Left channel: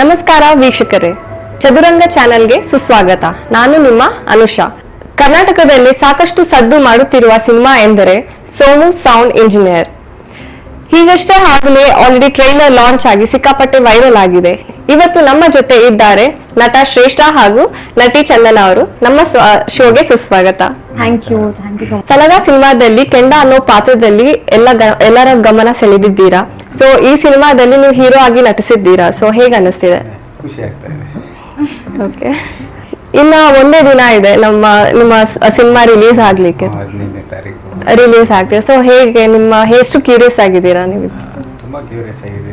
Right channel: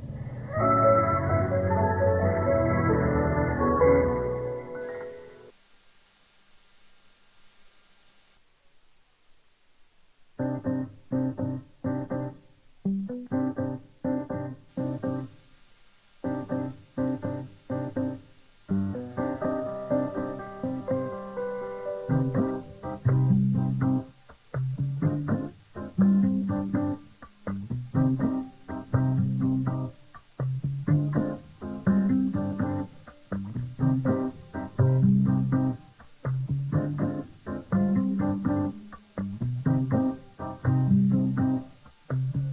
ನಮಸ್ಕಾರ ವೀಕ್ಷಕರೇ, ಚದುರಂಗ ಚಾನೆಲ್ಗೆ ಸುಸ್ವಾಗತ. ನಾನು ನಿಮ್ಮ ಅನುಷಾ. ಕರ್ನಾಟಕದಲ್ಲಿ ಸಾಕಷ್ಟು ಸದ್ದು ಮಾಡುತ್ತಿರುವ ಸಿನಿಮಾ ಎಂದರೆ ಸೋಮು ಸೌಂಡ್ ಇಂಜಿನಿಯರ್. ಹೀಗಷ್ಟೇ ಆಗಲೇ ಆಲ್ರೆಡಿ ಟ್ರೈಲರ್ ಲಾಂಚ್ ಆಗಿ ಸಿಕ್ಕಾಪಟ್ಟೆ ವೈರಲ್ ಆಗಿದೆ. ಇವತ್ತು ನಮ್ಮ ಜೊತೆ ಇದ್ದಾರೆ ನಟ ಶ್ರೇಷ್ಠ ಹಾಗೂ ನಟಿ ಚಂದನ ಅವರು. ನಮ್ಮ ಶೋಗೆ ಸುಸ್ವಾಗತ. Thank you so much. Salaga ಸಿನಿಮಾದಲ್ಲಿ ಕೆಂಡ ಅನ್ನೋ ಪಾತ್ರದಲ್ಲಿ ಎಲ್ಲರ ಗಮನ ಸೆಳೆದಿದ್ದೀರಾ. ಸೊ ಈ ಸಿನಿಮಾದಲ್ಲಿ ನೀವು ಹೀರೋ ಆಗಿ ನಟಿಸಿದ್ದೀರಾ. ಸೊ ಹೇಗೆ ಅನಿಸ್ತಿದೆ? ಖುಷಿ ಆಗ್ತಾ ಇದೆ. ಓಕೆ, ಇನ್ನ ಒಂದೇ ದಿನ ಇದೆ ನಿಮ್ಮ ಸಿನಿಮಾ ರಿಲೀಸ್ ಆಗ್ಲಿಕ್ಕೆ. 15ನೇ ತಾರೀಕು ರಿಲೀಸ್ ಆಗ್ತಿದೆ. ಸೊ ಹೇಗೆ ಎಷ್ಟು ಕ್ಯೂರಿಯಸ್ ಆಗಿದ್ದೀರಾ ನೀವು? ತುಂಬಾ ಕ್ಯೂರಿಯಸ್ ಆಗಿದ್ದೀನಿ.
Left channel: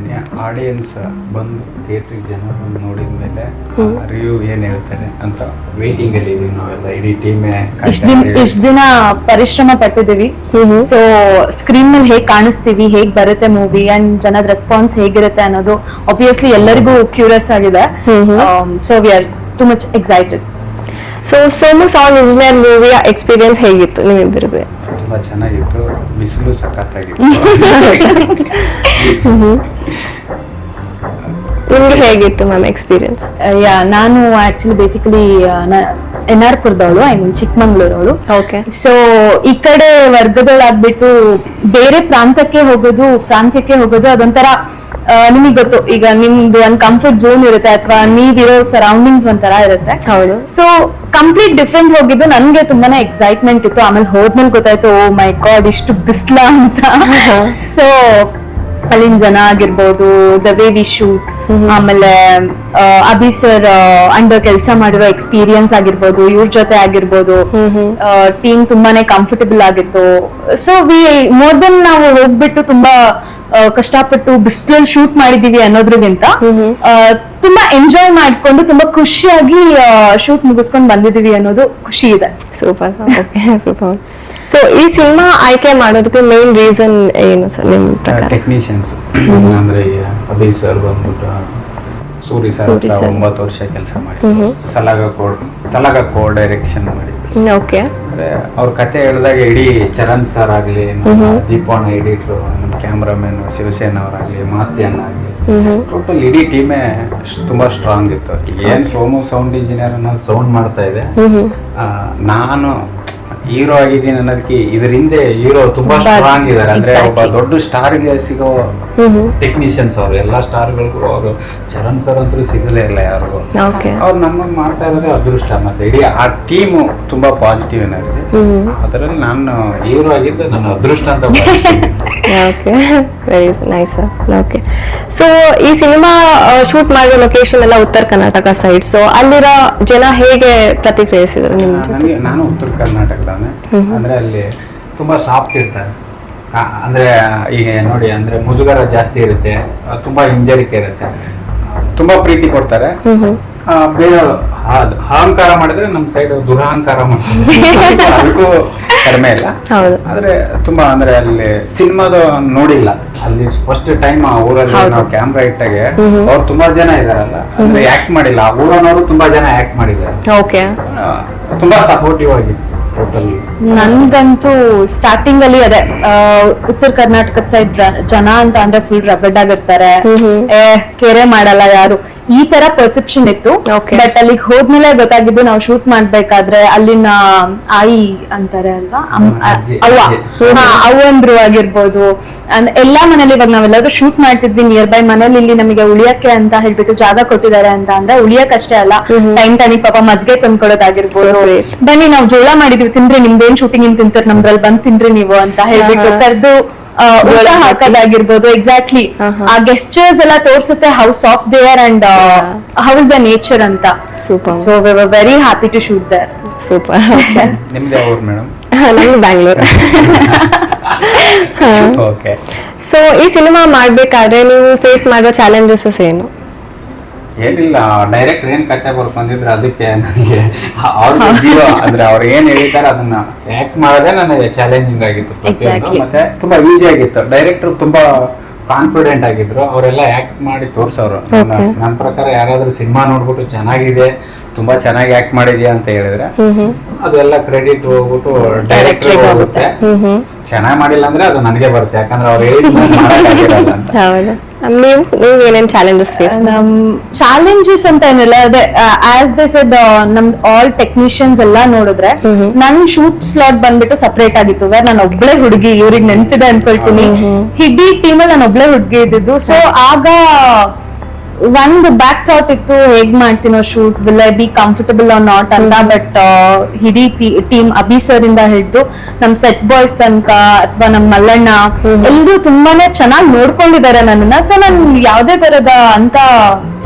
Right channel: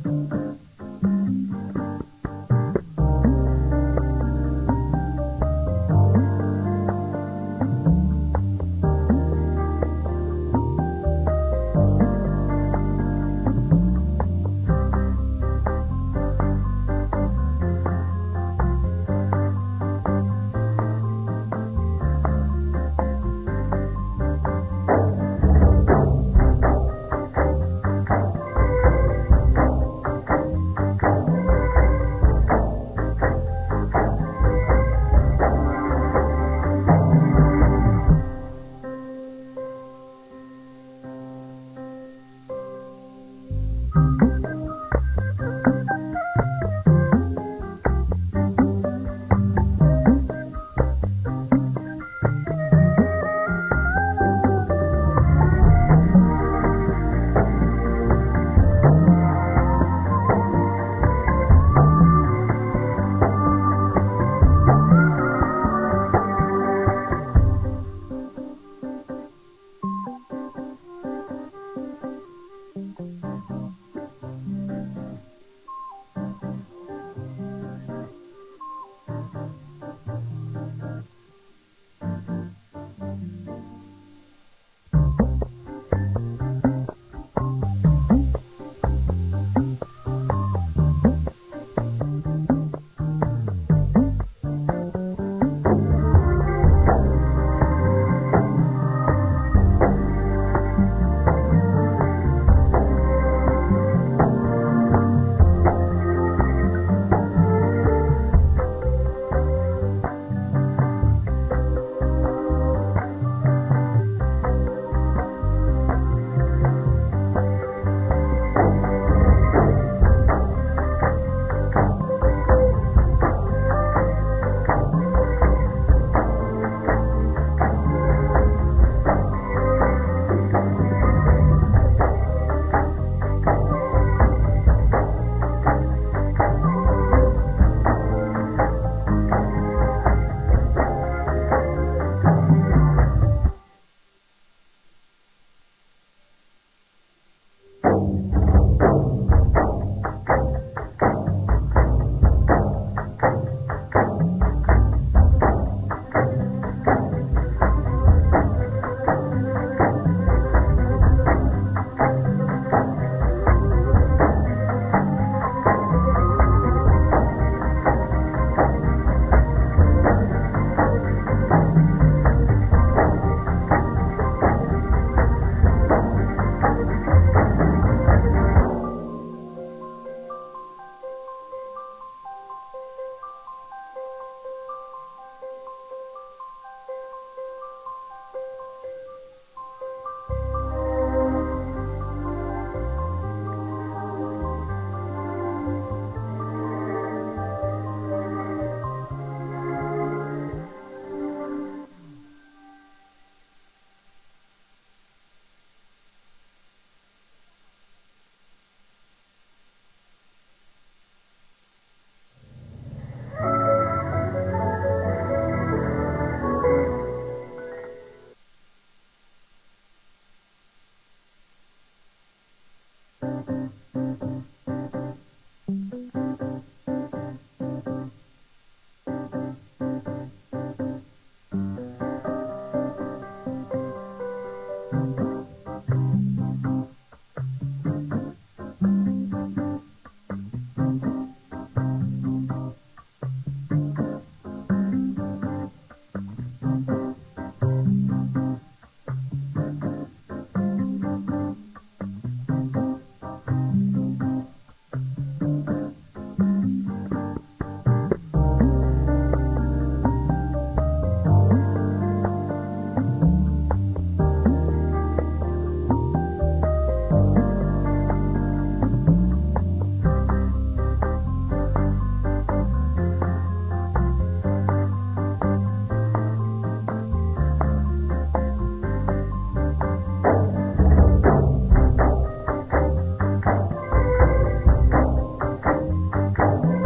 ಆಡಿಯನ್ಸ್ ಬಂದು ಥಿಯೇಟ್ರಿಗೆ ಜನ ಬಂದು ನೋಡಿದ ಮೇಲೆ ರಿವ್ಯೂ ಏನ್ ಹೇಳ್ತಾರೆ ಅಂತ ವೇಟಿಂಗ್ ಅಲ್ಲಿ ಇದೀವಿ ನಾವೆಲ್ಲ, ಇಡೀ ಟೀಮೇ. ಇಷ್ಟ ದಿನ ಪರಿಶ್ರಮ ಪಟ್ಟಿದೀವಿ. ಸೊ ಸ್ಕ್ರೀನ್ ಮೇಲೆ ಹೇಗ್ ಕಾಣಿಸ್ತೀವಿ, ಹೇಗ್ ಬರುತ್ತೆ ಮೂವಿ ಅಂಡ್ ಜನದ ರೆಸ್ಪಾನ್ಸ್ ಹೇಗಿರುತ್ತೆ ಅನ್ನೋದು ಆಬ್ವಿಯಸ್ಲಿ ಎಲ್ಲರಿಗೂ ಕ್ಯೂರಿಯಸ್ ಆಗಿದೆ. So we are too much excited. So Somu sound engineer ಮೂವಿಯ ಎಕ್ಸ್ಪೀರಿಯನ್ಸ್ ಹೇಗಿತ್ತು ನಿಮ್ಮಿಬ್ಬರಿಗೆ? ತುಂಬಾ ಚೆನ್ನಾಗಿತ್ತು. ಬಿಸಿಲು ಸಖತ್ತಾಗಿತ್ತು. ನಿಮ್ಗೆ ಹೇಗಿತ್ತು ಮ್ಯಾಮ್ ಎಕ್ಸ್ಪೀರಿಯನ್ಸ್? ನಾನು ಆಕ್ಚುಲಿ ಬೇಸಿಕಲಿ NR ಪುರದವಳು, ಐ ಮೀನ್ ಚಿಕ್ಕಮಂಗ್ಳೂರವಳು. ಓಕೆ. ಸೊ ಈ ಕಡೆ ವರ್ಗದೊಳಾಗ್ಬಿಟ್ಟು ಬೇರೆ ಪ್ರಾಂತ್ಯಕ್ಕೆ ಹೋಗೋದು ಅದೊಂಥರ ನಿಮಗೆ ಗೊತ್ತು. ಈಗ ನಿಮ್ದು ಒಂದ್ ಕಂಫರ್ಟ್ ಝೋನ್ ಇರುತ್ತೆ ಅಥವಾ ನೀವಿರೋ ಸರೌಂಡಿಂಗ್ಸ್ ಒಂಥರ ಇರುತ್ತೆ. ಹೌದು. ಸೊ ಕಂಪ್ಲೀಟ್ ಡಿಫ್ರೆಂಟ್ ಹೋಗಿದ್ದು ನನ್ಗೆ ತುಂಬಾನೇ ಎಕ್ಸೈಟ್ಮೆಂಟ್ ಇತ್ತು. ಆಮೇಲೆ ಹೋದ್ಮೇಲೆ ಗೊತ್ತಾಯ್ತು, ಓ ಮೈ ಗಾಡ್ ಇಷ್ಟು ಬಿಸ್ಲ ಅಂತ. ಸೊ ಅಲ್ಲಿನ ಜನ ಆಗಿರ್ಬೋದು, ದ ವೇ ವಿ ಶೂಟ್, ಆಮೇಲೆ ಅಭಿ ಸರ್ ಅಂಡರ್ ಕೆಲಸ ಮಾಡಿರೋ ಎಕ್ಸ್ಪೀರಿಯನ್ಸ್ ಆಗಿರ್ಬೋದು, ಇವ್ರ ಜೊತೆ ಆಗಿರ್ಬೋದು, ಟೀಮ್ ತುಂಬಾನೇ ಕಂಫರ್ಟಬಲ್ ಆಗಿತ್ತು. ಸೊ ವಿ ಮೋರ್ ದೆನ್ ನಾವು ಹೋಗ್ಬಿಟ್ಟು ತುಂಬಾ ಕಷ್ಟಪಟ್ಟು ಬಿಸಿಲಲ್ಲಿ ಶೂಟ್ ಮಾಡಿದೀವಿ ಅನ್ನೋದ್ರಗಿಂತ ತುಂಬಾ ಎಂಜಾಯ್ ಮಾಡ್ಕೊಂಡು ತುಂಬಾ ಖುಷಿಯಾಗಿ ಶೂಟ್ ಮುಗಿಸ್ಕೊಂಡು ಬಂದಿದೀವಿ ಅನ್ನೋದು ಖುಷಿ ಇದೆ. ಸೂಪರ್. Okay, super. ಸೊ ಈ ಸಿನಿಮಾ ಆಯ್ಕೆ ಮಾಡೋದಕ್ಕೆ ಮೇನ್ ರೀಸನ್ ಏನು ಸರ್ ನಿಮ್ ಪ್ರಕಾರ? ಟೆಕ್ನಿಷಿಯನ್ಸ್ ಅಂದ್ರೆ ಅಭಿ ಸರ್ ಬಂದ್ಬಿಟ್ಟು ಸೂರಿ ಸರ್ 9 ವರ್ಷ ಕೆಲಸ ಮಾಡಿದ್ರು. ಸಲಾಗ ಕೋ ಡೈರೆಕ್ಷನ್ ಮಾಡಿದ್ರು. ಓಕೆ. ಅಂದ್ರೆ ಅವ್ರ ಕತೆ ಹೇಳಿದಾಗ ಇಡೀ ಚರಣ್ ಸರ್ ಆಗ್ಲಿ, ದೀಪಣ್ಣ ಎಡಿಟ್ರು, ಕ್ಯಾಮ್ರಾಮನ್ ಶಿವಸೇನ ಅವರಾಗ್ಲಿ, ಮಾಸ್ತಿ ಅಣ್ಣ ಆಗ್ಲಿ, ಟೋಟಲ್ ಇಡೀ ಟೀಮೇ ತುಂಬಾ ಸ್ಟ್ರಾಂಗ್ ಇತ್ತು. ಏನ್ ಸೋಮು ಸೌಂಡ್ ಇಂಜಿನಿಯರ್ ಅನ್ನೋದು ಸೌಂಡ್ ಮಾಡ್ತಾ ಇದೆ, ನಾನು ಹೀರೋ ಆಗಿದ್ದೀನಿ ಅನ್ನೋದಕ್ಕೆ ಇದ್ರ ಹಿಂದೆ ಹೀರೋ ತುಂಬಾ ಸ್ಟ್ರಾಂಗ್ ಇದಾರೆ. ಅಂದ್ರೆ ಒಬ್ಬ ದೊಡ್ಡ ಸ್ಟಾರ್ ಗೆ ಸಿಗೋ ಟೆಕ್ನಿಷಿಯನ್ಸ್ ಅವ್ರು, ಎಲ್ಲಾ ಸ್ಟಾರ್ ಗಳಿಗೂ ಅವರು ಚರಣ್ ಸರ್ ಅಂತೂ ಸಿಗಲೇ ಇಲ್ಲ ಯಾರು. ಅವ್ರು ನಮ್ಮನ್ನ ಮಾಡ್ತಾ ಇರೋದೇ ಅದೃಷ್ಟ. ಮತ್ತೆ ಇಡೀ ಆ ಟೀಮು ತುಂಬಾ ಪಾಸಿಟಿವ್ ಎನರ್ಜಿ. ಅದರಲ್ಲಿ ನಾನು ಹೀರೋ ಆಗಿದ್ದು ನನ್ನ ಅದೃಷ್ಟ ಅಂತ. Okay, very nice. Okay. So ಈ ಸಿನಿಮಾ ಶೂಟ್ ಮಾಡೋ ಲೊಕೇಶನ್ ಎಲ್ಲ ಉತ್ತರ ಕರ್ನಾಟಕ ಸೈಡ್. ಸೊ ಅಲ್ಲಿರೋ ಜನ ಹೇಗೆ ಪ್ರತಿಕ್ರಿಯಿಸಿದ್ರು ನಿಮ್ಗೆ? ನಾನು ಉತ್ತರ ಕರ್ನಾಟಕದವನೇ. ಅಂದ್ರೆ ಅಲ್ಲಿ ತುಂಬಾ ಸಾಫ್ಟ್ ಇರ್ತಾರೆ. ಅಂದ್ರೆ ಈಗ ನೋಡಿ, ಅಂದ್ರೆ ಮುಜುಗರ ಜಾಸ್ತಿ ಇರುತ್ತೆ, ತುಂಬಾ ಹಿಂಜರಿಕೆ ಇರುತ್ತೆ, ತುಂಬಾ ಪ್ರೀತಿ ಕೊಡ್ತಾರೆ. ಬೇರೆ ಅಹಂಕಾರ ಮಾಡಿದ್ರೆ ನಮ್ ಸೈಡ್ ದುರಹಂಕಾರ ಮಾಡ್ತಾರೆ. ಅದಕ್ಕೂ ಕಡಿಮೆ ಇಲ್ಲ. ಆದ್ರೆ ತುಂಬಾ ಅಂದ್ರೆ ಅಲ್ಲಿ ಸಿನಿಮಾದ ನೋಡಿಲ್ಲ. ಅಲ್ಲಿ ಫಸ್ಟ್ ಟೈಮ್ ಆ ಊರಲ್ಲಿ ನಾವು ಕ್ಯಾಮ್ರಾ ಇಟ್ಟಾಗೆ ಅವ್ರು ತುಂಬಾ ಜನ ಇದಾರಲ್ಲ, ಅಂದ್ರೆ ಆಕ್ಟ್ ಮಾಡಿಲ್ಲ. ಆ ಊರನವರು ತುಂಬಾ ಜನ ಆಕ್ಟ್ ಮಾಡಿದ್ದಾರೆ. ತುಂಬಾ ಸಪೋರ್ಟಿವ್ ಆಗಿದೆ. ನನ್ಗಂತೂ ಸ್ಟಾರ್ಟಿಂಗ್ ಅಲ್ಲಿ ಅದೇ ಉತ್ತರ ಕರ್ನಾಟಕದ ಸೈಡ್ ಜನ ಅಂತ ಅಂದ್ರೆ ಫುಲ್ ರಗಡ್ ಆಗಿರ್ತಾರೆ, ಕೆರೆ ಮಾಡಲ್ಲ ಯಾರು, ಈ ತರ ಪರ್ಸೆಪ್ಷನ್ ಇತ್ತು. ಬಟ್ ಅಲ್ಲಿಗೆ ಹೋದ್ಮೇಲೆ ಗೊತ್ತಾಗಿದ್ದು, ನಾವು ಶೂಟ್ ಮಾಡ್ಬೇಕಾದ್ರೆ ಅಲ್ಲಿನ ಆಯಿ ಅಂತಾರೆ ಅಲ್ವಾ, ಅವ್ವಂದ್ರು ಆಗಿರ್ಬೋದು, ಎಲ್ಲಾ ಮನೇಲಿ ಇವಾಗ ನಾವೆಲ್ಲಾದ್ರೂ ಶೂಟ್ ಮಾಡ್ತಿದ್ವಿ ನಿಯರ್ ಬೈ ಮನೇಲಿ, ಇಲ್ಲಿ ನಮಗೆ ಉಳಿಯಕ್ಕೆ ಅಂತ ಹೇಳ್ಬಿಟ್ಟು ಜಾಗ ಕೊಟ್ಟಿದ್ದಾರೆ ಅಂತ ಅಂದ್ರೆ ಉಳಿಯಕ್ ಅಷ್ಟೇ ಅಲ್ಲ, ಟೈಮ್ ಟೈಮಿಗೆ ಪಾಪ ಮಜ್ಗೆ ತಂದ್ಕೊಡೋದಾಗಿರ್ಬೋದು, ಬನ್ನಿ ನಾವು ಜೋಳ ಮಾಡಿದ್ವಿ ತಿನ್ರಿ, ನಿಮ್ದೇನ್ ಶೂಟಿಂಗ್ ಇನ್ ತಿಂತಾರೆ, ನಮ್ದ್ರಲ್ಲಿ ಬಂದ್ ತಿನ್ರಿ ನೀವು ಅಂತ ಹೇಳ್ಬಿಟ್ಟು ಕರೆದು ಊಟ ಹಾಕೋದಾಗಿರ್ಬೋದು. ಎಕ್ಸಾಕ್ಟ್ಲಿ ಆ ಗೆಸ್ಚರ್ಸ್ ಎಲ್ಲ ತೋರ್ಸುತ್ತೆ how soft they are and how is the nature ಅಂತ. Super. So we were very happy to shoot there. Super. ನಿಮ್ದು ಯಾವ ಊರು ಮೇಡಮ್? ನಮ್ದು ಬ್ಯಾಂಗ್ಳೂರ್. ಓಕೆ. ಸೊ ಈ ಸಿನಿಮಾ ಮಾಡ್ಬೇಕಾದ್ರೆ ನೀವು ಫೇಸ್ ಮಾಡೋ ಚಾಲೆಂಜಸ್ ಏನು? ಏನಿಲ್ಲ, ಡೈರೆಕ್ಟರ್ ಏನ್ ಕತೆ ಬರ್ಕೊಂಡಿದ್ರೆ ಅದಕ್ಕೆ ನನಗೆ ಅವ್ರ ಜೀವ ಅಂದ್ರೆ ಅವ್ರು ಏನ್ ಹೇಳಿದ್ದಾರೆ ಅದನ್ನ ಆಕ್ಟ್ ಮಾಡೋದೇ ನನಗೆ ಚಾಲೆಂಜಿಂಗ್ ಆಗಿತ್ತು ಪ್ರತಿಯೊಂದು. ಮತ್ತೆ ತುಂಬಾ ಈಸಿ ಆಗಿತ್ತು. ಡೈರೆಕ್ಟರ್ ತುಂಬಾ ಕಾನ್ಫಿಡೆಂಟ್ ಆಗಿದ್ರು, ಅವರೆಲ್ಲ ಆಕ್ಟ್ ಮಾಡಿ ತೋರ್ಸವ್ರು. ನನ್ನ ಪ್ರಕಾರ ಯಾರಾದ್ರೂ ಸಿನಿಮಾ ನೋಡ್ಬಿಟ್ಟು ಚೆನ್ನಾಗಿದೆ, ತುಂಬಾ ಚೆನ್ನಾಗಿ ಆಕ್ಟ್ ಮಾಡಿದ್ಯಾ ಅಂತ ಹೇಳಿದ್ರೆ ಅದೆಲ್ಲ ಕ್ರೆಡಿಟ್ ಹೋಗ್ಬಿಟ್ಟು ಡೈರೆಕ್ಟರ್ ಹೋಗುತ್ತೆ. ಚೆನ್ನಾಗಿ ಮಾಡಿಲ್ಲ ಅಂದ್ರೆ ಅದು ನನಗೆ ಬರುತ್ತೆ, ಯಾಕಂದ್ರೆ ಅವ್ರು ಹೇಳಿದ್ ಮಾಡಕ್ಕಾಗಿರಲ್ಲ ಅಂತ. ನೀವು ಏನೇನ್ ಚಾಲೆಂಜಸ್ ಫೇಸ್? ನಮ್ ಚಾಲೆಂಜಸ್ ಅಂತ ಏನಿಲ್ಲ, ಅದೇ ಆಸ್ ದೇ ಸೆಡ್ ನಮ್ ಆಲ್ ಟೆಕ್ನಿಷಿಯನ್ಸ್ ಎಲ್ಲಾ ನೋಡಿದ್ರೆ ನನ್ ಶೂಟ್ ಸ್ಲಾಟ್ ಬಂದ್ಬಿಟ್ಟು ಸಪರೇಟ್ ಆಗಿತ್ತು. ವೇರ್ ನಾನು ಒಬ್ಳೆ ಹುಡುಗಿ, ಇವ್ರಿಗೆ ನೆನ್ಪಿದೆ ಅನ್ಕೊಳ್ತೀನಿ, ಇಡೀ ಟೀಮ್ ಅಲ್ಲಿ ನಾನು ಒಬ್ಳೆ ಹುಡುಗಿ ಇದ್ದಿದ್ದು. ಸೊ ಆಗ ಒಂದು ಬ್ಯಾಕ್ ಥಾಟ್ ಇತ್ತು, ಹೇಗ್ ಮಾಡ್ತೀನೋ shoot, will I be comfortable or not ಅಂತ. ಬಟ್ ಇಡೀ ಟೀಮ್ ಅಭಿ ಸರ್ ಇಂದ ಹಿಡಿದು ನಮ್ ಸೆಟ್ ಬಾಯ್ಸ್ ತನಕ ಅಥವಾ ನಮ್ ಮಲ್ಲಣ್ಣ ಎಲ್ಲರೂ ತುಂಬಾನೇ ಚೆನ್ನಾಗಿ ನೋಡ್ಕೊಂಡಿದ್ದಾರೆ ನನ್ನನ್ನ. ಸೊ ನಾನು ಯಾವ್ದೇ ತರದ ಅಂತ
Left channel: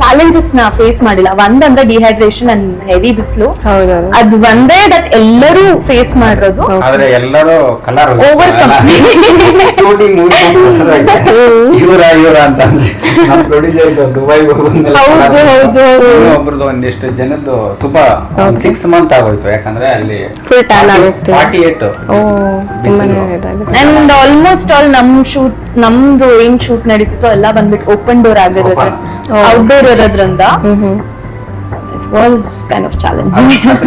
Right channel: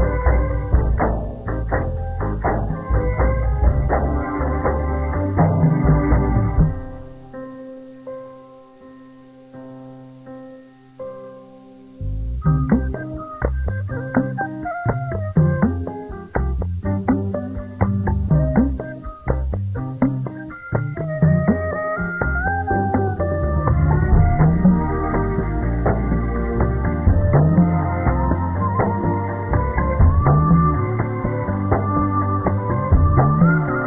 ಚಾಲೆಂಜಸ್ ನ ಫೇಸ್ ಮಾಡಿಲ್ಲ. ಒಂದಂದ್ರೆ ಡಿಹೈಡ್ರೇಷನ್ ಅಂಡ್ ಹೆವಿ ಬಿಸಿಲು, ಅದ್ ಒಂದೇ ದಟ್ ಎಲ್ಲರೂ ಫೇಸ್ ಮಾಡಿರೋದು. ಆದ್ರೆ ಎಲ್ಲರೂ ಕಲರ್ Overcome. ಶೂಟಿಂಗ್ ಇವರ ಅಂತ ನಮ್ಮ ಪ್ರೊಡ್ಯೂಸರ್ ದುಬೈ ಒಬ್ರದ್ದು ಒಂದಿಷ್ಟು ಜನದ್ದು ತುಂಬಾ 6 ಮಂತ್ ಆಗೋಯ್ತು. ಯಾಕಂದ್ರೆ ಅಲ್ಲಿ 48 ಅಂಡ್ ಆಲ್ಮೋಸ್ಟ್ ಆಲ್ ನಮ್ದು ಏನ್ ಶೂಟ್ ನಡೀತಿತ್ತು ಎಲ್ಲ ಬಂದ್ಬಿಟ್ಟು ಓಪನ್ ಡೋರ್ ಆಗಿರುತ್ತೆ, ಔಟ್ಡೋರ್ ಇರೋದ್ರಿಂದ ವಾಸ್ ಕೈಂಡ್ ಆಫ್ ಚಾಲೆಂಜ್.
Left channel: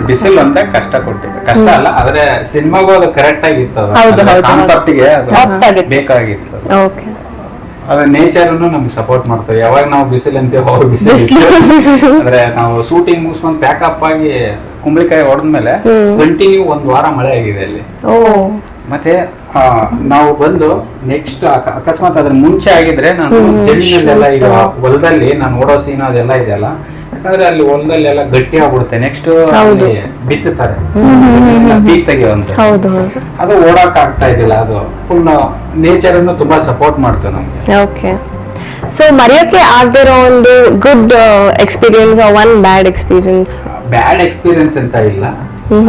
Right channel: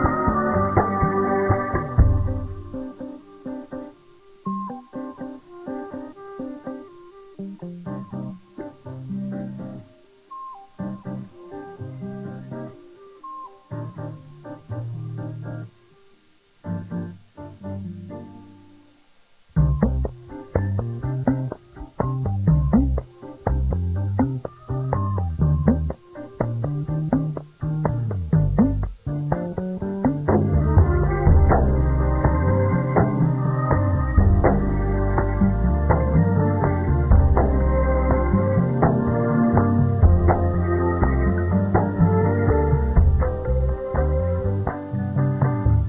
ಬಿಸಿಲು ಅಂತ ಕಷ್ಟ ಕೊಟ್ಟಿದೆ, ಕಷ್ಟ ಅಲ್ಲ ಆದ್ರೆ ಸಿನಿಮಾಗೂ ಅದು ಕರೆಕ್ಟ್ ಆಗಿತ್ತು, ಹೌದು. ಕಾನ್ಸೆಪ್ಟ್ಗೆ Apt ಆಗಿತ್ತು. ಬೇಕಾಗಿತ್ತು. ಓಕೆ. ಅದ್ರ ನೇಚರ್ ನಮ್ಗೆ ಸಪೋರ್ಟ್ ಮಾಡ್ತೇವೆ. ಯಾವಾಗ ನಾವು ಬಿಸಿಲು ಅಂತೀವಿ ಅವಾಗ ಬಿಸಿಲು. ಅಂದ್ರೆ ನಾವು ಶೂಟಿಂಗ್ ಮುಗಿಸ್ಕೊಂಡು ಪ್ಯಾಕಪ್ ಆಗಿ ಕುಂಬಳಿಕಾಯಿ ಹೊಡೆದ್ಮೇಲೆ ಕಂಟಿನ್ಯೂ 1 ವಾರ ಮಳೆ ಆಗಿದೆ ಅಲ್ಲಿ. ಮತ್ತೆ ನಾವು ಬಂದು ನೆಕ್ಸ್ಟ್ ಅಕಸ್ಮಾತ್ ಅದ್ರ ಮುಂಚೆ ಆಗಿದ್ರೆ ನಾನು ಜಮೀನಲ್ಲೆಲ್ಲ ಈಗ ಹೊಲದಲ್ಲಿ ನಾನು ಓಡೋ ಸೀನ್ ಅದೆಲ್ಲ ಇದೆಯಲ್ಲ, ಯಾಕಂದ್ರೆ ಅಲ್ಲಿ ಹೊಲದಲ್ಲಿ ಎಲ್ಲ ಗಟ್ಟಿ ಆಗ್ಬಿಡುತ್ತೆ. ನೆಕ್ಸ್ಟ್ ಬಿತ್ತುತ್ತಾರೆ ಪೀಕ್ ತೆಗೆಯುವಂತ, ಅದು ಓಡಾಕ್ ಆಗ್ತಾ ಇದ್ದಿಲ್ಲ. ಅದು ಫುಲ್ ನೇಚರ್ ಅನ್ನು ತುಂಬಾ ಸಪೋರ್ಟ್ ಮಾಡ್ತೇವೆ ನಮ್ಗೆ. ಓಕೆ. ಸೊ ಮರೆಯೋಕೆ ಆಗದಿರೋ ಒಂದು good experience, one bad experience? Bad experience ಅಂತ ಇಲ್ಲ,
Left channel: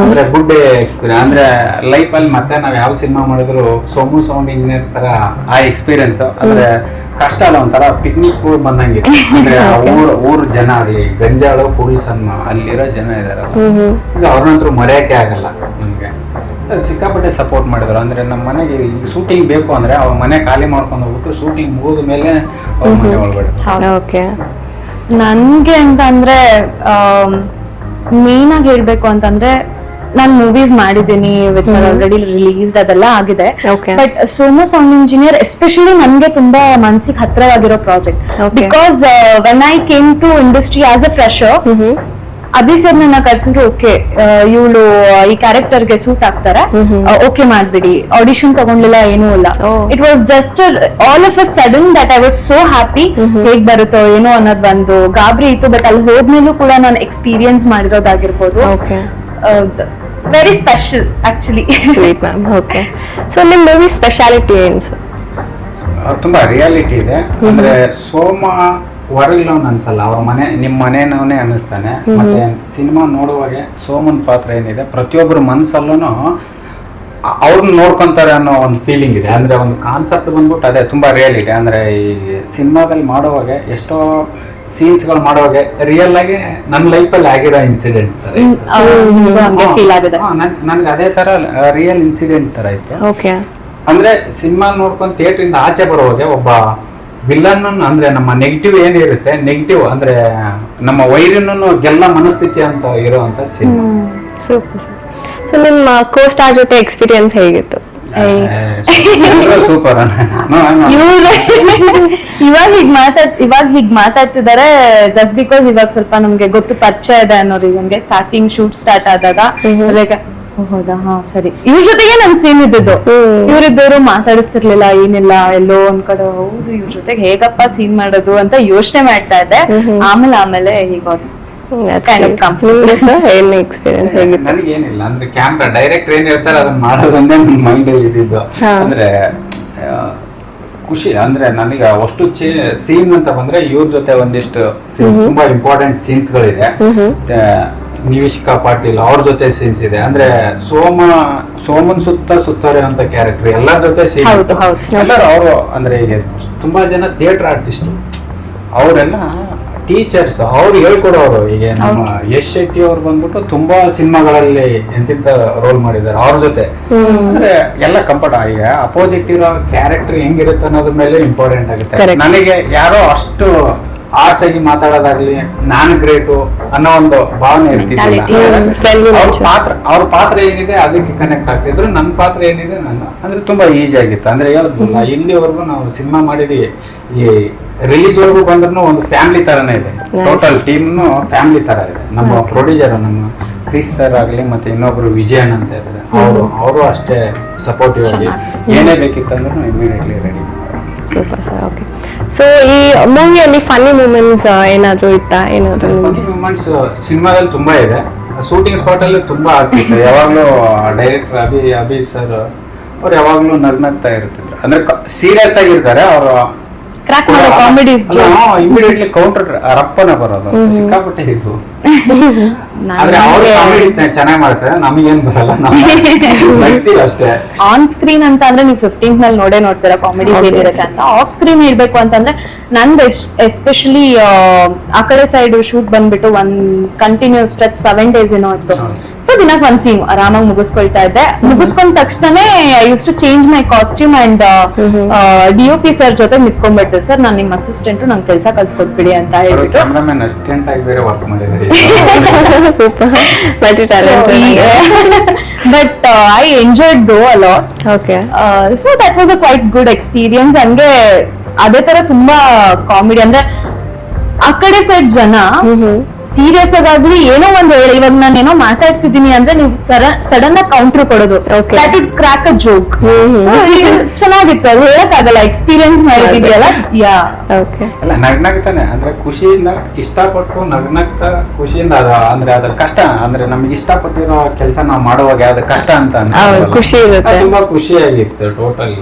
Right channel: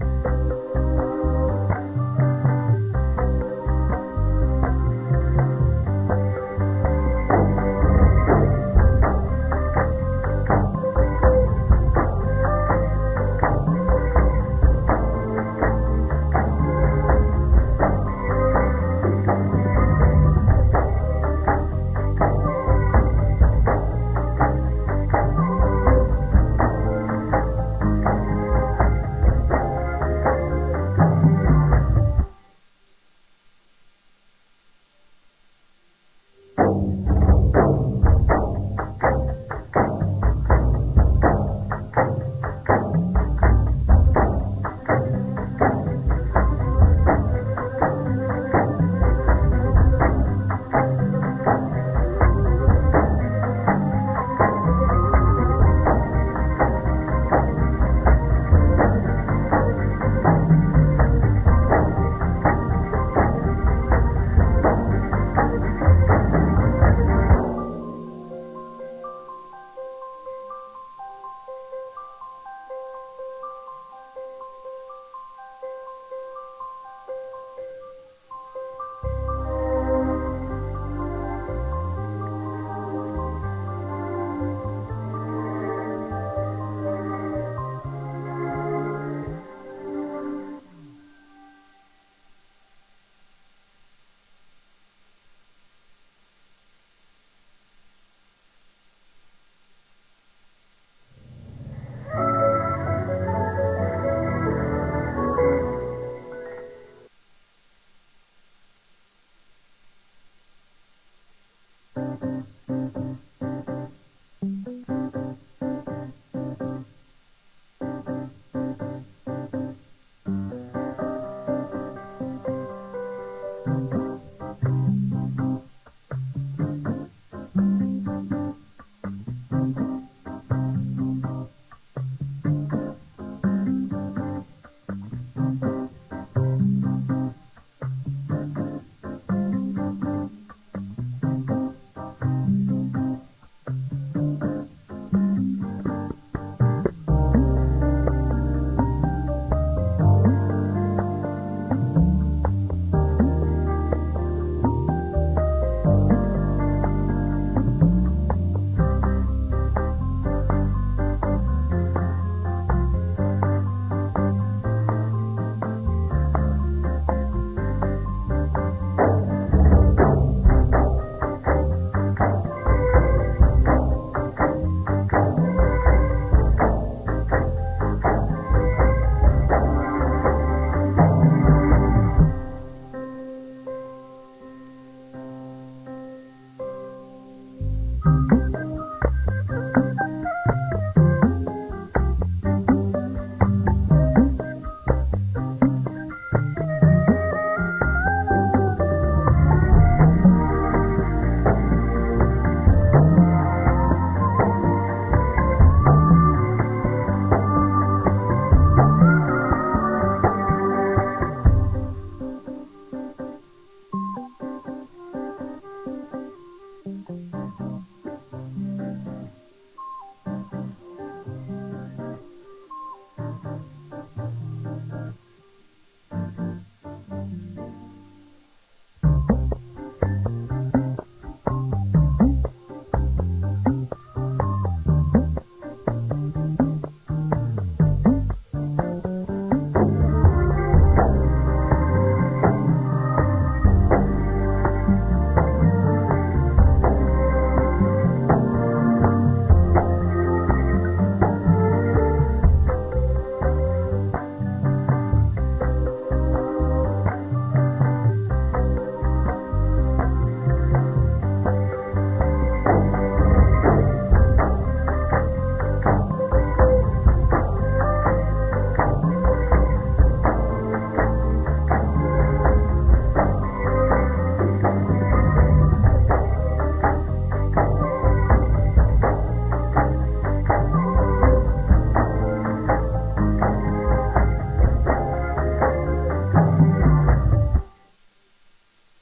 ಅಂದ್ರೆ ಗುಡ್ ಎಕ್ಸ್ಪೀರಿಯನ್ಸ್ ಅಂದ್ರೆ ಲೈಫ್ ಅಲ್ಲಿ ಮತ್ತೆ ನಾವ್ ಯಾವ ಸಿನಿಮಾ ಮಾಡಿದ್ರು ಸೋಮು ಸೌಂಡ್ ಇಂಜಿನಿಯರ್ ತರ ಆ ಎಕ್ಸ್ಪೀರಿಯನ್ಸ್ ಅಂದ್ರೆ ಕಷ್ಟ ಅಲ್ಲ, ಒಂಥರ ಪಿಕ್ನಿಕ್ ಬಂದಂಗೆ. ಅಂದ್ರೆ ಊರ್ ಜನ ಆಗ್ಲಿ, ಗಂಜಾಳು ಪೊಲೀಸನ್ನು ಅಲ್ಲಿರೋ ಜನ ಇದಾರೆ, ಅವ್ರನ್ನಂತೂ ಮರೆಯಕ್ಕೆ ಆಗಲ್ಲ ನಮ್ಗೆ. ಸಿಕ್ಕಾಪಟ್ಟೆ ಸಪೋರ್ಟ್ ಮಾಡಿದ್ರು. ಅಂದ್ರೆ ನಮ್ಮ ಮನೆಗೆ ಶೂಟಿಂಗ್ ಬೇಕು ಅಂದ್ರೆ ಅವ್ರ ಮನೆ ಖಾಲಿ ಮಾಡ್ಕೊಂಡು ಹೋಗ್ಬಿಟ್ಟು ಶೂಟಿಂಗ್ ಮುಗಿದ ಮೇಲೆ ಅವ್ರ ಮನೆ ಒಳಗಡೆ. ಓಕೆ. ನನ್ಗೆ ಅಂತ ಅಂದ್ರೆ ಮೇನ್ ಆಗಿ ಹೇಳ್ಬೇಕು ಅಂತಂದ್ರೆ ನಾನು ಮೂವೀಸ್ ಮಾಡಿದ್ದೀನಿ ವಿಚ್ ಆರ್ ಆಲ್ರೆಡಿ ರಿಲೀಸ್ಡ್, ಅದೆಲ್ಲ ಆಗಿದೆ. But Somu sound engineer especially ನನ್ಗೆ ತುಂಬಾ ಮನ್ಸಿಗೆ ಹತ್ರವಾಗಿರೋ project. Because when I came to industry as a fresher, Abhi sir ನನ್ನ ಕರ್ಸಿದ್ರು, ಓಕೆ ಇವಳು ಈ ಕ್ಯಾರೆಕ್ಟರ್ಗೆ ಸೂಟ್ ಆಗ್ತಾರೆ, ಓಕೆ ಮಾಡ್ಬಿಡಿ. ಆಡಿಷನ್ ತಗೊಂಡಿಲ್ಲ, ಏನೂ ಇಲ್ಲ. It was just all of a sudden that I was so happy. ಹೇಗ್ ಬರುತ್ತೋ ಏನೋ ಅನ್ನೋದು ಒಂದು ಗಾಬರಿ ಇತ್ತು. ಬಟ್ ಅಲ್ಲಿ ಹೋದ್ಮೇಲೂ ಕೂಡ ನಾನು ಎಕ್ಸ್ಪೀರಿಯನ್ಸ್ ಮಾಡಿರೋದಾಗಿರ್ಬೋದು. Very special actually. Okay. So ನಿಮ್ ಮೂವಿ ಸ್ಪೆಷಾಲಿಟಿ ಏನು? ತುಂಬಾ ರಿಯಾಲಿಟಿ ಇದೆ. ಅಂದ್ರೆ ಸೋಮ ಹೊರಗಿನವನ್ ಅನ್ಸಲ್ಲ, ಅವ್ರ ಮನೆ ನಿಮ್ ಮನೆನವನೇ ಅನಿಸ್ತಾನೆ. ಮತ್ತೆ ಸಿನಿಮಾ ನೋಡುವಾಗ ಸೋಮನ್ ಪಾತ್ರ ಏನಿದೆ ಪ್ರತಿಯೊಬ್ಬರ ಮನಸ್ಸಲ್ಲೂ ಅವ್ರನ್ನ ನೋಡ್ಕೊಂತಾರೆ ಅನ್ನೋ ಒಂದು ಫೀಲಿಂಗ್ ಇದೆ. ಅಂದ್ರೆ ಒಂದು ಕಾನ್ಸೆಪ್ಟ್ ಬಂದ್ಬಿಟ್ಟು ಅದೇ ತುಂಬಾ ರಿಯಾಲಿಟಿ. ಅಂದ್ರೆ ಈ ಸಿನಿಮಾದಲ್ಲಿ ಮಾಡುವಾಗ ಎಷ್ಟೋ ಸೀನ್ಸ್ ಗಳು ಮಾಡುವಾಗ ರಿಯಲ್ ಆಗಿ ನನ್ನ ಲೈಫಲ್ಲಿ ಆಗಿರೋ ಇನ್ಸಿಡೆಂಟ್ ನನ್ಗೆ ಅದೇ ತರ ರಿಯಲ್ ಇನ್ಸಿಡೆಂಟ್ ತರ ಇತ್ತು. ಅಂದ್ರೆ ಸಿನಿಮಾ ನೋಡ್ಕೊಂಡು ಥಿಯೇಟರ್ ಇಂದ ಆಚೆ ಬರುವಾಗ ಒಬ್ಬ ವಿಲನ್ ಅಂದ್ರೆ ನಮ್ಮ ನೆಗೆಟಿವ್ ಏನಿರುತ್ತೆ, ನೆಗೆಟಿವ್ ಅಂದ್ರೆ ನಮ್ಮ ವೈರಿನೂ ಗೆಲ್ಲ ಮನಸ್ಥಿತಿ ಅಂತ ಇರುವಂತ ಸಿನಿಮಾ. ಸೊ ನಿಮ್ಮ ಕೋ-ಸ್ಟಾರ್ ಜೊತೆ ಎಕ್ಸ್ಪೀರಿಯನ್ಸ್ ಹೇಗಿತ್ತು? ಸೂಪರ್. ಇವಾಗ ಹೀಗ್ ಮಾತಾಡ್ತಿದ್ದಾರೆ ಜಸ್ಟ್ ಬಿಕಾಸ್ ಇವಾಗ ಸ್ವಲ್ಪ ನಮ್ಗೆ ಗೊತ್ತು, ಪರಿಚಯ ಇದೆ ಅನ್ನೋರಿಗೆ. ನಮ್ಗೆ ಸ್ಟಾರ್ಟಿಂಗ್ ಶೂಟ್ ಸ್ಟಾರ್ಟ್ ಆದಾಗ ಹೌದಾ, ಹಾ ಸರಿ, ಇವ್ರ ಜೊತೆಗೆ ನನ್ ಸೇಮ್ ಇದ್ದಿದ್ದು. ಇವ್ರಿದ್ದವರು ಮಾತಾಡಿಸ್ತಿರ್ಲಿಲ್ಲ, ಏನಿಲ್ಲ, ಎಲ್ಲೋ ಒಂದ್ ಕಡೆ ಹೌದು ಇವ್ರ ಜೊತೆಗೆ ಹೇಗಪ್ಪ ಸೀನ್ ಮಾಡೋದು ಅಂತ ಯೋಚನೆ ಮಾಡ್ತಾ ಇದ್ದೆ. ಆಮೇಲೆ ಹೀಗೋದು ನನಗೇನಿಲ್ಲ ಅಂದ್ರೆ ಕ್ಯಾಮ್ರಾ ಡೈರೆಕ್ಟರ್ ಏನ್ ಹೇಳ್ತಾರೆ ಅದನ್ನ ಮಾಡೋದಂದ್ರೆ ನನ್ನ ಮೈಂಡ್ ಅಲ್ಲಿ ಇದ್ದಿದ್ದು. ಅಂದ್ರೆ ಖುಷಿ ಅಂದ್ರೆ ನನಗೆ ಅಷ್ಟು ಸೀನ್ ಅಂತ ಬಂದ್ರೆ ಇವ್ರ ಜೊತೆ ಒಂದಿಷ್ಟು ತುಂಬಾ ಇಂಪಾರ್ಟೆಂಟ್ ಸೀನ್ಸ್ ಗಳಿದೆ. ನಿವೇಶಿಕಾ ಪಾಟೀಲ್ ಅವ್ರ ಜೊತೆ ಸೀನ್ಸ್ ಇದೆ. ಅಂದ್ರೆ ಸೋಮನ್ ಸುತ್ತಾರೆ ಅಂತ ಕ್ಯಾರೆಕ್ಟರ್ ಎಲ್ಲರ ಜೊತೆ ಸೀನ್. ಎಲ್ಲರೂ ಅವರು ಅಂದ್ರೆ ಈಗ ತುಂಬಾ ಜನ ಥಿಯೇಟರ್ ಆರ್ಟಿಸ್ಟ್, ಅವರೆಲ್ಲ ಟೀಚರ್ಸ್, ಅವ್ರು ಹೇಳ್ಕೊಡೋರು. ಈಗ ನಮ್ಮ ಯಶ್ ಶೆಟ್ಟಿ ಅವ್ರು ಬಂದ್ಬಿಟ್ಟು ತುಂಬಾ ಸಿನಿಮಾಗಳಲ್ಲಿ ಎಂತಿಂತ ರೋಲ್ ಮಾಡಿದ್ದಾರೆ. ಅವ್ರ ಜೊತೆ ಅಂದ್ರೆ ಎಲ್ಲ ಕಂಫರ್ಟ್. ಈಗ ಅಪೋಸಿಟ್ ಇರೋ ಕ್ಯಾರೆಕ್ಟರ್ ಹೆಂಗಿರುತ್ತೆ ಅನ್ನೋದ್ರ ಮೇಲೆ ಇಂಪಾರ್ಟೆಂಟ್ ಆಗುತ್ತೆ. ನನಗೆ ಯಾರೋ ಅಷ್ಟು ಆರ್ಟ್ಸ್ ಆಗಿ ಮಾತಾಡೋದಾಗ್ಲಿ, ನಾನು ಗ್ರೇಟು ಅನ್ನೋ ಒಂದು ಭಾವನೆ ಇರ್ತಿದ್ದಿಲ್ಲ. ಅವ್ರ ಪಾತ್ರ ಏನಿದೆ ಅದಕ್ಕೆ ಕನೆಕ್ಟ್ ಆಗ್ತಿದ್ರು, ನನ್ನ ಪಾತ್ರ ಏನಿದೆ ನಾನು ಅಂದ್ರೆ ತುಂಬಾ ಈಸಿ ಆಗಿತ್ತು. ಅಂದ್ರೆ ಹೇಳಿದ್ನಲ್ಲ, ಇಲ್ಲಿವರೆಗೂ ನಾವು ಸಿನಿಮಾ ಮಾಡಿದೀವಿ, ಈ ರಿಲೀಸ್ ವರ್ಗು ಬಂದ್ರು ಒಂದು ಫ್ಯಾಮಿಲಿ ತರನೇ ಇದೆ. ಟೋಟಲ್ ಟೀಮ್ನು ಫ್ಯಾಮಿಲಿ ತರ ಇದೆ. ನಮ್ಮ ಪ್ರೊಡ್ಯೂಸರ್ ನಮ್ಮ ಕ್ರಿಸ್ ಸರ್ ಆಗ್ಲಿ ಮತ್ತೆ ಇನ್ನೊಬ್ರು ವಿಜಯನ್ ಅಂತ ಇದ್ದಾರೆ, ಅವರು ಅಷ್ಟೇ ಸಪೋರ್ಟಿವ್ ಆಗಿ ಏನೇ ಬೇಕಿತ್ತಂದ್ರೂ immediately ready. Super sir. Okay, so ಈ ಮೂವಿಯಲ್ಲಿ ಫನ್ನಿ ಮೂಮೆಂಟ್ಸ್ ಏನಾದ್ರು ಇತ್ತಾ? ಏನಾದ್ರು ಫನ್ನಿ ಮೂಮೆಂಟ್ಸ್ ಸಿನಿಮಾದಲ್ಲಿ ತುಂಬಾ ಇದೆ. ಶೂಟಿಂಗ್ ಸ್ಪಾಟ್ ಅಲ್ಲಿ ತುಂಬಾ ಆಗ್ತಿತ್ತು. ಯಾವಾಗ್ಲೂ ಡೈರೆಕ್ಟರ್ ಅಭಿ ಸರ್ ಅವ್ರು ಯಾವಾಗ್ಲೂ ನಗ್ನಗ್ತಾ ಇರ್ತಿದ್ರು. ಅಂದ್ರೆ ಸೀರಿಯಸ್ ಆಗಿರ್ತಾರೆ ಅವರು, ಕ್ರ್ಯಾಕ್ ಮಾಡೋ ಕಾಮಿಡೀಸ್ ಇಮಿಡಿಯೇಟ್ಲಿ ಕೌಂಟರ್ ರಪ್ಪನ ಬರೋದು ಸಿಕ್ಕಾಪಟ್ಟೆ ಇದು. ಆದ್ರೆ ಅವ್ರು ಕಾಮಿಡಿ ಚೆನ್ನಾಗಿ ಮಾಡ್ತಾರೆ, ನಮಗೇನ್ ಬರಲ್ಲ, ನಗ್ತೀವಿ ಅಷ್ಟೇ. ಆನ್ ಸ್ಕ್ರೀನ್ ಅಂತ ಅಂದ್ರೆ ನೀವು 15th ನಲ್ಲಿ ನೋಡ್ತೀರಾ ಕಾಮಿಡೀಸ್ ಏನಿರುತ್ತೆ ಅಂತ. ಆಫ್ ಸ್ಕ್ರೀನ್ ಇರ್ಬೇಕು ಅಂತಂದ್ರೆ ನಂದು ಎಸ್ಪೆಷಲಿ ಆ ಕಡೆ ಸೈಡ್ ಶೂಟ್ ಬಂದ್ಬಿಟ್ಟು ಒಂದ್ ಕಂಟಿನ್ಯೂಸ್ ಸ್ಟ್ರೆಚ್ 7 days ಏನೋ ಇತ್ತು. ಸೊ ದಿನಕ್ಕೆ ಒಂದ್ ಸೀನ್ ಆರಾಮಾಗಿ ಮುಗಿಸ್ಕೊಳ್ತಾ ಇದ್ದೆ. ಮುಗಿಸ್ಕೊಂಡ ತಕ್ಷಣನೇ I use to change my costume and DOP sir ಜೊತೆ ನಿಂತ್ಕೊಂಡ್ಬಿಡ್ತೇನೆ, ಸರ್ ನಾನು ನಿಮ್ಮ ಅಸಿಸ್ಟೆಂಟ್, ನಂಗೆ ಕೆಲಸ ಕಲ್ಸ್ಕೊಟ್ಬಿಡಿ ಅಂತ ಹೇಳ್ಬಿಟ್ಟು. ಕ್ಯಾಮ್ರಾಮನ್ ಅಸಿಸ್ಟೆಂಟ್ ಆಗಿ ಬೇರೆ ವರ್ಕ್ ಮಾಡಿದ್ದಾರೆ. Super, multi but I enjoyed though a lot. Okay, so that was a quite good experience. ಹಂಗೆ ಅದೇ ತರ ತುಂಬಾ ಕಾಮಿಡಿ ಅಂದ್ರೆ ಆ ಕಡೆ ಸೈಡ್ ಜನ ಸೀರಿಯಸ್ ಆಗಾಗ್ಲಿ ಏನೋ ಒಂದ್ ಹೇಳಿ, ಇವಾಗ ನಾನು ಏನೋ ಮಾತಾಡ್ತಿದ್ದೀನಿ ಅಂದ್ರೆ ನೀವು ಸಡನ್ ಆಗಿ ಕೌಂಟರ್ ಕೊಡೋದು, that would crack a joke. ಚೆನ್ನಾಗಿತ್ತು, ಅದು ಹೇಳಕ್ಕಾಗಲ್ಲ, ಎಕ್ಸ್ಪೀರಿಯನ್ಸ್ ಮಾಡಿದೀಯಲ್ಲ. ಯಾ, ಓಕೆ. ಅಲ್ಲ, ನಗ್ನಗ್ತಾನೆ ಅಂದ್ರೆ ಖುಷಿಯಿಂದ ಇಷ್ಟಪಟ್ಟು ನಗ್ನಗ್ತಾ ಖುಷಿಯಿಂದ ಅಂದ್ರೆ ಅದ ಕಷ್ಟ ಅಂದ್ರೆ ನಮ್ಗೆ ಇಷ್ಟಪಟ್ಟಿರೋ ಕೆಲಸ ನಾವು ಮಾಡುವಾಗ ಯಾವ್ದು ಕಷ್ಟ ಅಂತ ಖುಷಿ ಇರುತ್ತೆ. ತುಂಬಾ ಖುಷಿಯಾಗಿತ್ತು ಟೋಟಲ್.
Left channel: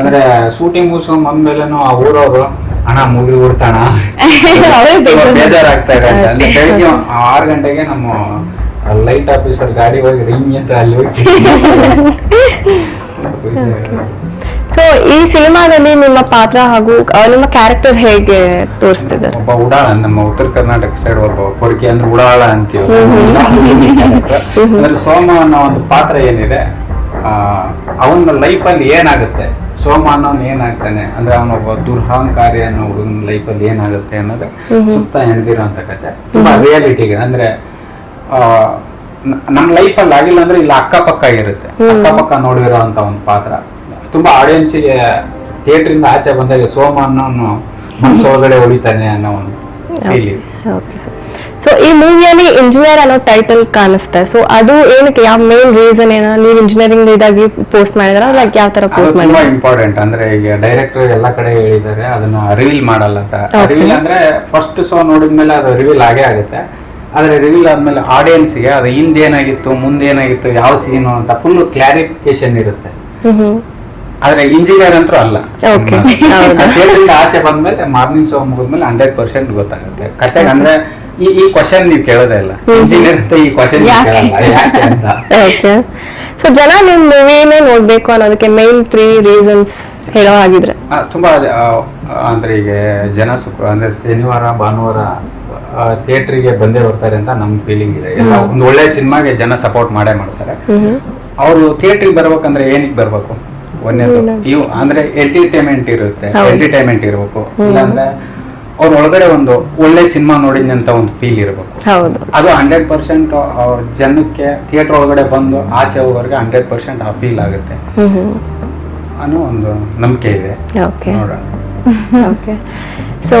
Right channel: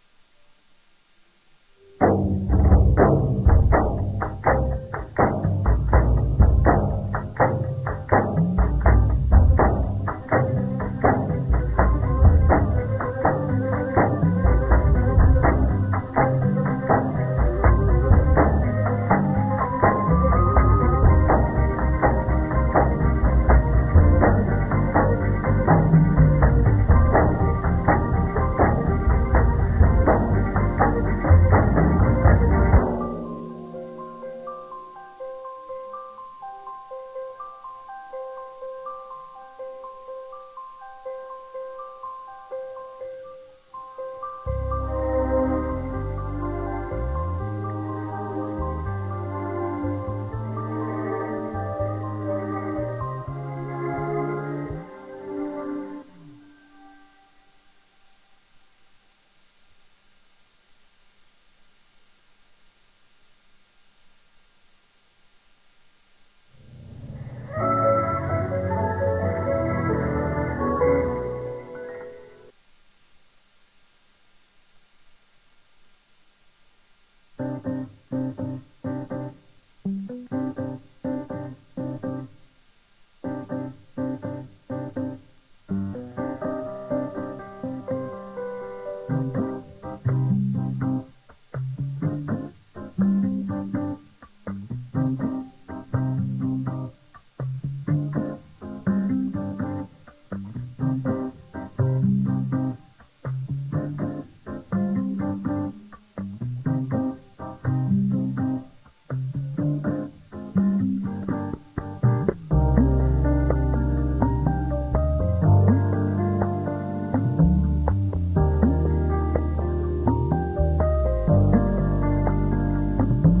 ಅಂದ್ರೆ ಶೂಟಿಂಗ್ ಮುಗಿಸ್ಕೊಂಡ್ ಬಂದ್ಮೇಲೆನು ಆ ಊರವರು ಹಣ ಮುಗಿ ಬಿಡ್ತಾಣ ಬೇಜಾರಾಗ್ತಾ ಇದೆ ಅಂತ. ಅಂದ್ರೆ ಬೆಳಿಗ್ಗೆ 6 ಗಂಟೆಗೆ ನಮ್ಮ ಲೈಟ್ ಆಫೀಸರ್ ಗಾಡಿ ಹೋಗಿ ರಿಂಗ್ ಅಂತ ಅಲ್ಲಿ ಹೋಗಿ. ಸೊ ಈ ಸಿನಿಮಾದಲ್ಲಿ ನಿಮ್ಮ ಪಾತ್ರ ಹಾಗೂ ನಿಮ್ಮ ಕ್ಯಾರೆಕ್ಟರ್ ಹೇಗೆ ತೋರಿಸ್ತಿದ್ದಾರೆ? ಒಬ್ಬ ಉಡಾಳ, ನಮ್ಮ ಉತ್ತರ ಕರ್ನಾಟಕ ಸೈಡ್ ಒಬ್ಬ ಪೊರ್ಕಿ ಅಂದ್ರೆ ಉಡಾಳ ಅಂತೀವಿ. ಅಂದ್ರೆ ಸೋಮ ಅನ್ನೋ ಒಂದು ಪಾತ್ರ ಏನಿದೆ, ಅವನ ಲೈಫಲ್ಲಿ ಏನಾಗುತ್ತೆ, ಸೋಮ ಅನ್ನೋನ್ ಏನಾಗ್ತಾನೆ ಅಂದ್ರೆ ಅವನೊಬ್ಬ ದುರಹಂಕಾರಿ ಅನ್ನೋ ಹುಡುಗನ ಲೈಫಲ್ಲಿ ಏನಾಗುತ್ತೆ ಅನ್ನೋದು ಸುತ್ತ ಎಣದಿರೋಂಥ ಕತೆ. ತುಂಬಾ ರಿಯಾಲಿಟಿಗೆ ಅಂದ್ರೆ ನಮ್ಮ ಲೈಫಲ್ಲಿ ಆಗಿಲ್ಲ ಅಂದ್ರೆ ಇಲ್ಲಿ ಅಕ್ಕಪಕ್ಕ ಇರುತ್ತೆ, ಅಕ್ಕಪಕ್ಕ ನೋಡಿರೋ ಅಂತ ಒಂದು ಪಾತ್ರ. ತುಂಬಾ ಆಡಿಯನ್ಸಿಗೆ ಥಿಯೇಟ್ರಿಂದ ಆಚೆ ಬಂದಾಗ ಸೋಮ ಅನ್ನೋನು ಮನಸ್ಸೊಳಗಡೆ ಹೊಡಿತಾನೆ ಅನ್ನೋ ಒಂದು ಫೀಲಿಂಗ್. ಸೊ ಈ ಮೂವಿಯಲ್ಲಿ ಇಂಜಿನಿಯರ್ ಅನ್ನೋ ಟೈಟಲ್ ಕಾಣಿಸ್ತಾ, ಸೊ ಅದು ಏನಕ್ಕೆ, ಯಾವ ಮೇನ್ ರೀಸನ್ ಏನೋ? ನೀವು ಇಂಜಿನಿಯರಿಂಗ್ ಇದಾಗಿ ಪೋಸ್ಟ್ ಮಾಡಿದ್ರ, ಲೈಕ್ ಯಾವ ತರ ಪೋಸ್ಟ್ ಮಾಡಿದ್ರ? ತುಂಬಾ ಇಂಪಾರ್ಟೆಂಟ್. ಅಂದ್ರೆ ಈಗ ಡೈರೆಕ್ಟರ್ ಎಲ್ಲಾ ಕಡೆ ಹೇಳಿದ್ದಾರೆ ಅದನ್ನ ರಿವೀಲ್ ಮಾಡಲ್ಲ ಅಂತ. ರಿವೀಲ್ ಅಂದ್ರೆ ಫಸ್ಟ್ ಶೋ ನೋಡಿದ್ಮೇಲೆ ಅದು ರಿವೀಲ್ ಆಗೇ ಆಗುತ್ತೆ. ಆದ್ರೆ ರಿವೀಲ್ ಆದ್ಮೇಲೆ ಆಡಿಯನ್ಸ್ಗೆ ಅದು ಹಿಂದೇನಾಗಿತ್ತು ಮುಂದೇನಾಗಿತ್ತು ಯಾವ ಸೀನು ಅಂತ ಫುಲ್ ಕ್ಲಾರಿಫಿಕೇಶನ್ ಇರುತ್ತೆ. ಆದ್ರೆ ಇಂಜಿನಿಯರ್ ಅಂತೂ ಅಲ್ಲ. ಆಚೆ ಬಂದ್ಮೇಲೆ ಮಾರ್ನಿಂಗ್ ಶೋ ಮುಗಿದ್ಮೇಲೆ 100% ಗೊತ್ತಾಗುತ್ತೆ ಕತೆ. ಅಂದ್ರೆ ಈ ಕ್ವಶನ್ ನೀವು ಕೇಳೋದೇ ಇಲ್ಲ, ಇಂಜಿನಿಯರ್ ಅಂತ ಈ ಕ್ವಶನ್ ಕೇಳಲ್ಲ ಯಾಕೆ ಅಂತ. ಸೊ ಜನ ನಿಮ್ ಮೂವಿನೇ ನೋಡ್ಬೇಕು ಅನ್ನೋದಕ್ಕೆ ಮೇನ್ 3 ರೀಸನ್ಸ್ ಹೇಳೋ ಆಗಿದ್ರೆ? ತುಂಬಾ ಅಂದ್ರೆ ಈಗ ಜನ ಅಂದ್ರೆ ಶನಿವಾರ ಭಾನುವಾರ ಥಿಯೇಟ್ರಿಗೆ ಬಂದೇ ಬರ್ತಾರೆ ಅಂತ ನಮ್ ಫೀಲಿಂಗ್ ಇದೆ. ಎಲ್ಲ ಒಂದು ಒಳ್ಳೆ ಸಿನಿಮಾಗೆ ಜನ ಸಪೋರ್ಟ್ ಮಾಡೇ ಮಾಡ್ತಾರೆ. ಅವರು ಥಿಯೇಟ್ರಿಗೆ ಬರ್ಬೇಕಂದ್ರೆ ಏನಕ್ಕೆ ಬರ್ಬೇಕು? ಒಂದೇದು ಇವು ಅಂದ್ರೆ ಎಂಟರ್ಟೈನ್ಮೆಂಟ್ ಇರುತ್ತೆ, ಎಂಟರ್ಟೈನ್ಮೆಂಟ್ ಇರ್ಬೇಕು. ಇಲ್ಲಾಂದ್ರೆ ಅವ್ರ ಒಳಗಡೆ ಒಂದು ಒಳ್ಳೆ ಸಿನಿಮಾ ನೋಡಿದ್ನಿ ಅಂತ ಒಂದು ಫೀಲ್ ಇರ್ಬೇಕು. ಅದು 100% ಅವ್ರ ಜನಕ್ಕೆ ಥಿಯೇಟರ್ ಒಳಗಡೆ ಬಂದು ಆಚೆ ಹೋಗೋರ್ಗೆ 100% ಆ ಫೀಲ್ ಆಗುತ್ತೆ ಅನ್ನೋ ಒಂದು ನಂಬಿಕೆ ಇದೆ. ಸೊ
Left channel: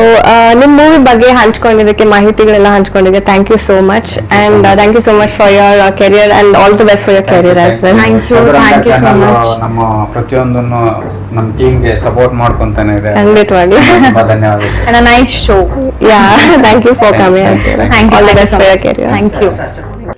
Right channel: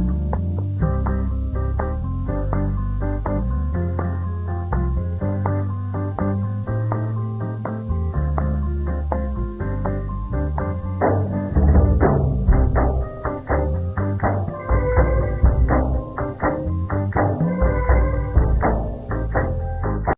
ನಿಮ್ ಮೂವಿ ಬಗ್ಗೆ ಹಂಚ್ಕೊಂಡಿದ್ದಕ್ಕೆ, ಮಾಹಿತಿಗಳೆಲ್ಲ ಹಂಚ್ಕೊಂಡಿದ್ದೆ, thank you so much. And thank you so much for your career and all the best for your career as well. Thank you so much. ನಮ್ಮ ಪ್ರತಿಯೊಂದನ್ನು ನಮ್ಮ ಟೀಮ್ಗೆ ಸಪೋರ್ಟ್ ಮಾಡ್ಕೊಂತಾನೆ ಇದೆ. ಖಂಡಿತವಾಗಿ. ಧನ್ಯವಾದಗಳು. Nice show. Yeah, thank you for coming. Thank you. All the best for your career. Thank you.